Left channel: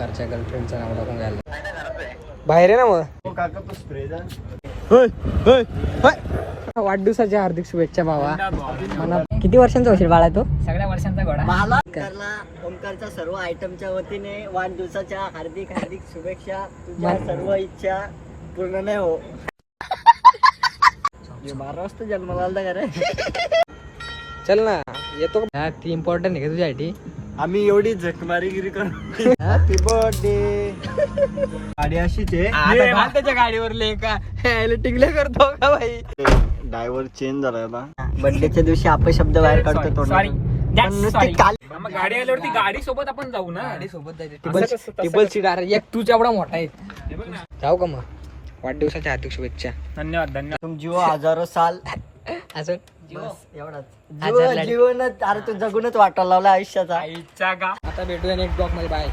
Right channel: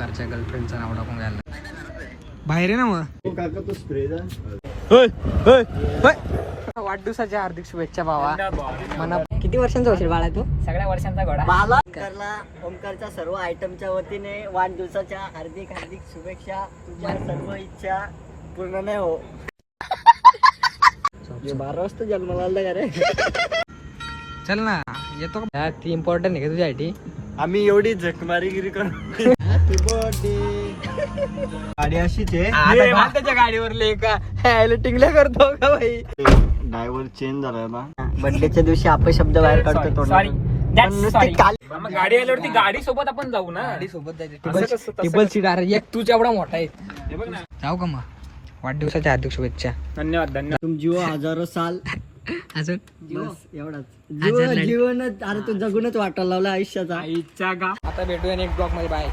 सावकारच्या गर्लफ्रेंडचं नाव टाकून घ्यायला बाहेर आहे ना मग. वाढदिवसाच्या हार्दिक शुभेच्छा भावा. किती वर्षांचा होशील बाळा तू? सगळ्या वर्षांचा घोडा. मला ओमकारच्या सर्व आयटमच्या वतीने वाढदिवसाच्या हार्दिक हार्दिक शुभेच्छा. सर्व इच्छा पूर्ण नाही हो. 12 वाजता जन्माला आला का रे? चल ना येतो. ती इम्पॉर्टंट आहे तुझ्यासाठी. आम्ही एवढी झकमारीगिरी करू. Happy birthday. गाडी अशीच आहे. त्याच्या गाडीवर का टिंगल्या करतो का भाई? ड्रायव्हर चेंज झाला ना. बर्थडेच्या दिवशी आपण शब्द बाहेर काढतो. सॉरी गाडी आल्यावरती गाडी सोबत आपण जाऊ ना. गाडी सोबत टेबल सीट. अरे एक तुझ्या एवढा मोठा आहे. जाऊ का मग? वाढदिवसाच्या हार्दिक शुभेच्छा. धन्यवाद धन्यवाद. तुम जीव हजारो साल. असं एवढाच जीवनच. अरे तू जगूनच वाटायला लावला आयुष्याचा. आईच्या गा. आता भेटूया नेक्स्ट ब्लॉग मध्ये. बाय.